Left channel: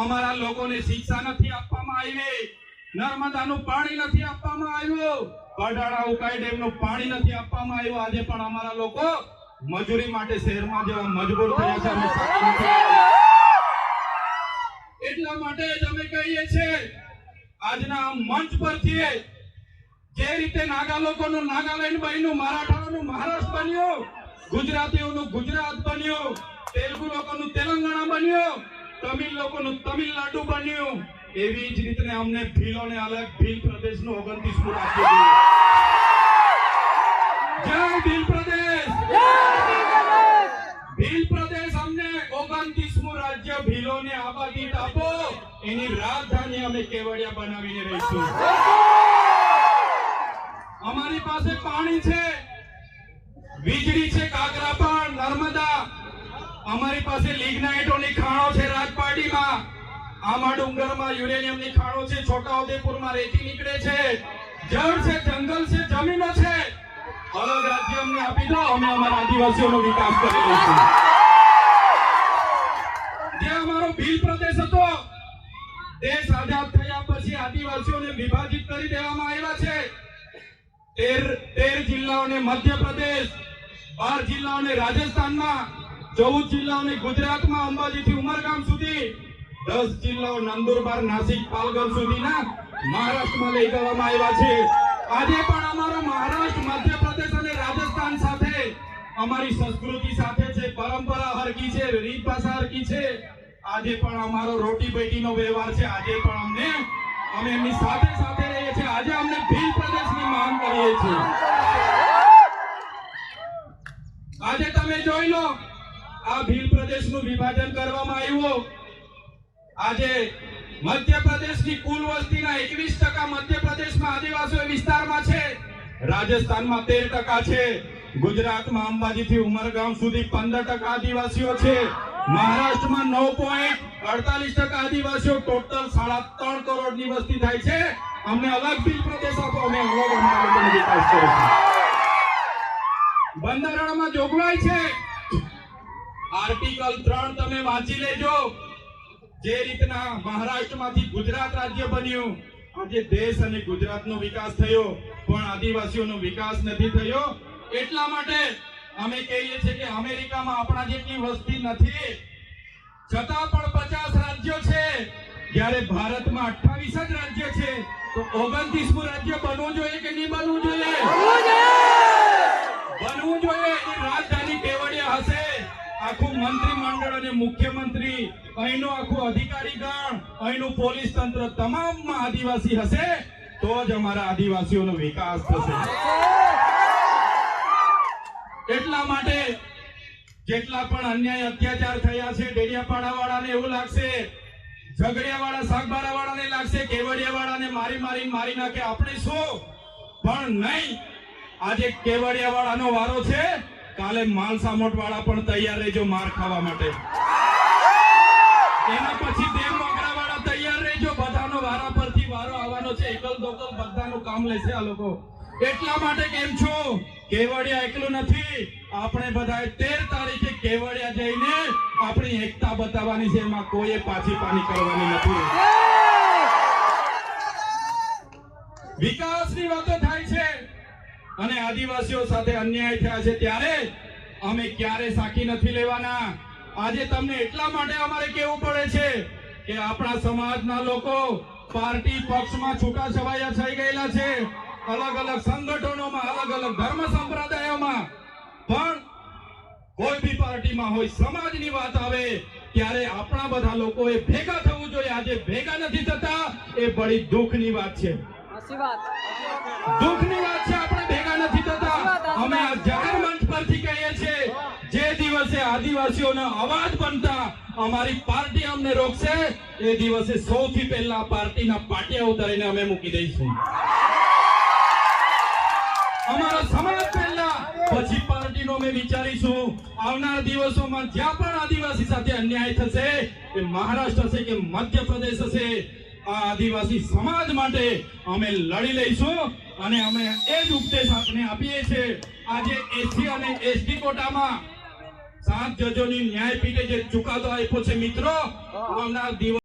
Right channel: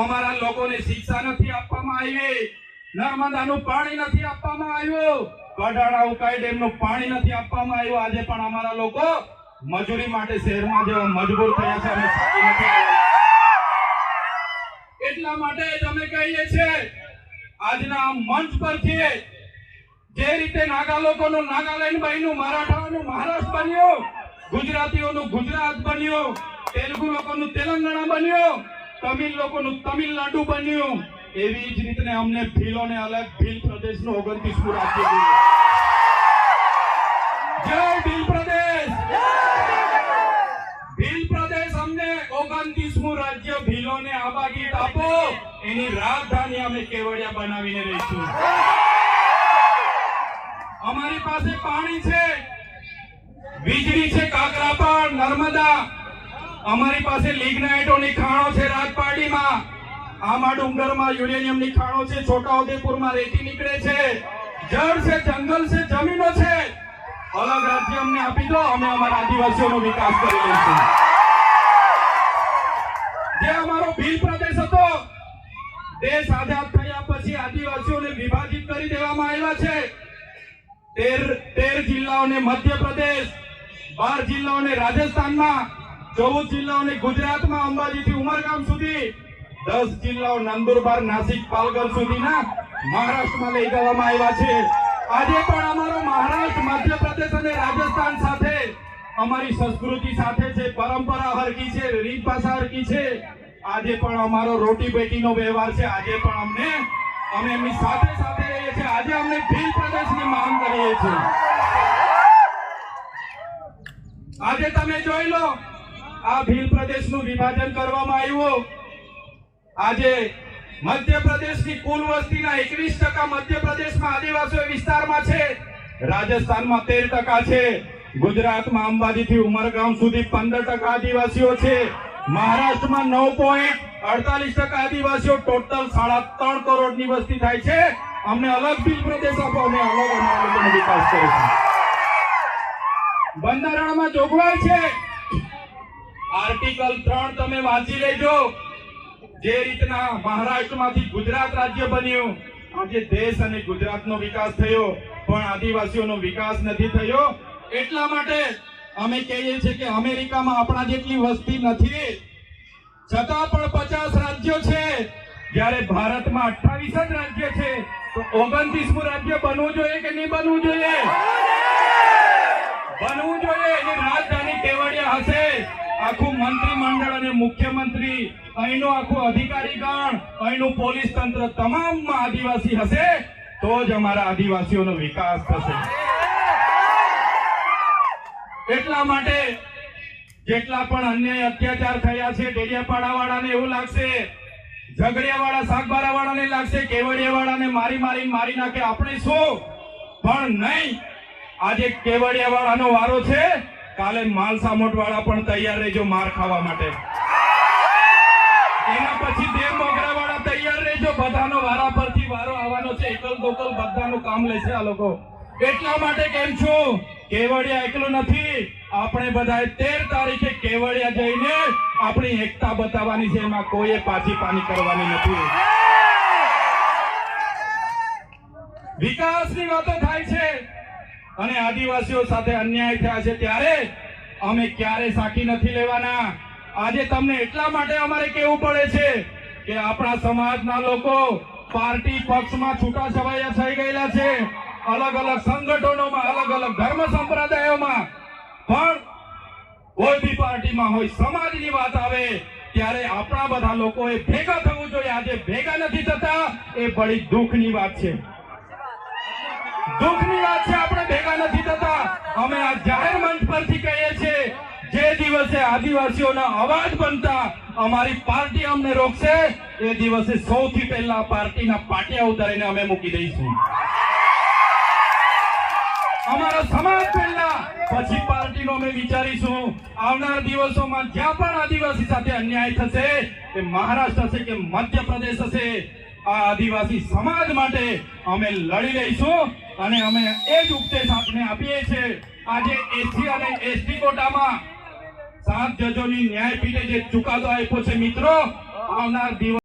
અમારા લોકોને શિક્ષા નથી આપવામાં આવી, નર્મદાનું પાણી નથી આપવામાં આવ્યું, કડાળા ઉકાઈ ડેમનું પાણી નથી આપવામાં આવ્યું. આજે પણ અમારા લોકો મજૂરી માટે શહેરમાં જવા મજબૂર થયા છે અને સાચી નથી આવી. એટલા માટે જ અમે કહીએ છીએ આજના મંચ પરથી જે રીતે નાગા લોકોનું નાગાલેન્ડ બન્યું, મરાઠાઓનું મહારાષ્ટ્ર બન્યું, ગુજરાતીઓનું ગુજરાત બન્યું, તેલુગુ લોકોનું તેલંગાણા બન્યું, તમિલ લોકોનું તમિલનાડુ બન્યું, એવી જ રીતે અમને ભીલોને અલગ ભીલ પ્રદેશનું 29મું રાજ્ય મળ્યું. જય ભીલ પ્રદેશ! ભીલ પ્રદેશ અમને 29મું રાજ્ય ભીલોને આબાગીત આપો, એની રાજધાની અમે કેવડિયા બનાવીને રહીશું. અમારી પાસે પાણી છે, વીજળી છે, કાકરાપાર, નર્મદા, અમારી પાસે લિગ્નાઇટોની ખાણો છે રાજપાટીમાં, આમા ડુંગરમાં યુરેનિયમની ખાણો છે, છોટાઉદેપુરમાં રેતી નીકળે છે, જળ છે, જંગલ છે, જમીનો છે. અલગ રાજ્ય અમને આપી દો, અમે અમારા આદિવાસીઓનો વિકાસ કરી લઈશું. જે અમારો ભીલ પ્રદેશ હતો, દેશ આઝાદ થયા પછી આદિવાસીઓને વિભાજિત કરી દેવામાં આવ્યા છે. 13 જિલ્લાઓને મધ્યપ્રદેશ, 12 જિલ્લાઓને રાજસ્થાનમાં, 14 જિલ્લાઓને ગુજરાતમાં અંબાજીથી ઉમરગામ સુધી, 10 જિલ્લાઓ નંદુરબાર, નાસિક, પાલઘર સુધીના મહારાષ્ટ્રમાં લઈ જવામાં આવ્યા છે. આજે પણ અમારો મહારાષ્ટ્ર, મધ્યપ્રદેશ અને રાજસ્થાન સાથે અમારી સંસ્કૃતિ સાથે છે, પરંપરા હરકી છે, રીત ભાષા હરકી છે. આજે પણ અમારો રોટી બેટીનો વ્યવહાર છે. આજે પણ અમે એમની સાથે સાથે રહીએ છીએ. આજે અમને ભીલ પ્રદેશની માંગ કરીએ છીએ. આજે તમે જોઈ લો, આ ભીલ પ્રદેશનું વિભાજન કરવામાં આવ્યું. આજે મધ્યપ્રદેશની કુલ વસ્તીના 21% મધ્યપ્રદેશમાં આદિવાસી વિસ્તારમાં છે, રાજસ્થાનમાં 13% છે, ગુજરાતમાં અંબાજીથી ઉમરગામ સુધી 15% આદિવાસીઓ છે, મહારાષ્ટ્રમાં 9.48% આદિવાસીઓ, ટોટલ 3.5 કરોડની વસ્તી થાય છે. અમને અલગ ભીલ પ્રદેશ આપો, અમે અલગ અમારો વિકાસ કરીશું. બંધારણમાં જોગવાઈ છે, આર્ટિકલ 3 તમે વાંચી લેજો. જે રીતના મહારાષ્ટ્રમાંથી ગુજરાત રાજ્ય બન્યું, આજે દેશ અને ગુજરાતનો વિકાસ થયો, પણ આદિવાસીઓનો વિકાસ નથી થયો. એટલા માટે અમે કહીએ છીએ કે અમેરિકામાં આપણા જેટલી વસ્તી નથી, છતાં પણ 50 રાજ્યો છે, જ્યારે ભારતમાં 28 જ રાજ્ય છે. તો 29મું રાજ્ય બનવું જોઈએ કે નહીં બનવું જોઈએ? બનવું જોઈએ. એની રાજધાની કેવડિયા હશે. આખું મંત્રીમંડળ અને મુખ્યમંત્રી, અહીંનો આખું અધિકારીગણ, અહીંનું પોલીસ તંત્ર તમામમાં આદિવાસી હશે, તો જ અમારા આદિવાસીઓનો વિકાસ થશે. એટલા માટે જેટલા પણ અન્યાય અત્યાચાર થયા છે, ડેડિયાપાડા વાળાને એવું લાગશે, ઝઘડિયા વાળા, સાગબારા વાળાને લાગશે, કેવડિયા વાળાને મારી નાખે, આપણે શું? પણ નહીં. આજે કેવડિયા વાળાનો વારો છે, કાલે માલસામોટ વાળા પણ તૈયાર રહેજો માર ખાવા માટે. એના પછી દેવ મોગરા વાળા તૈયાર રહેજો, બધાનો વારા પરથી વારો આવવાનો છે. એકલ દોકલ બધાનું કામ લેશે આ લોકો. એટલા માટે કેમ છું, કેવડિયા એકલું નથી. આપણે બધાએ 13 તારીખે કેવડિયા જઈને આપણી એકતા બતાવવાની છે. એમાં કોઈએ પાછી પાની કરવાની નથી. વિકાસની વાતો થાય છે અને આદિવાસીઓ સાથે અન્યાય થયા છે, ત્યારે અમે ક્યારે સાકી નથી લેવાના. આજે તમને એટલા માટે અમારે કહેવું પડે છે કે આપણા સમાજના લોકો પાર્ટી પક્ષમાં છૂટાછવાયા થઈ ગયેલા છે, અલગ અલગ સંગઠનોમાં, અલગ અલગ ધર્મ સંપ્રદાયોમાં, પણ કોઈ બી પાર્ટીમાં હોય, સમાજની વાત આવે ત્યારે આપણા બધા લોકોએ ભેગા થવું જોઈએ. આજે ભેગા નથી થતા, એ બડી દુઃખની વાત છે. દુઃખની વાત છે, આપણે ભેગા નથી થતા. અમે આ જાહેર મંચ પરથી કહીએ છીએ, જે દિવસે આદિવાસીઓના અવાજ બનતા અમારી પાર્ટી અમને રોકશે, એ દિવસે સૌથી પહેલા પાર્ટીના પાટિયા ઉતારીને અમે મૂકી દઈશું. અમારા સમાજ પહેલા, પછી પાર્ટીનો અમે વિચારીશું. આવનાર દિવસોમાં જ્યાં પણ આદિવાસી સાથે અન્યાય થશે, એ મહારાષ્ટ્ર હશે કે મધ્યપ્રદેશ હશે, આ આદિવાસી સમાજ માટે અમે લડી લઈશું. અને અમે એ જ ઉપદેશ આપને આપીએ છીએ. આજે એસસી અને એસટી કોટામાં 7 જજોની ન્યાયપીઠે જે ચુકાદો આપ્યો છે મિત્રો, આવનાર દિવસ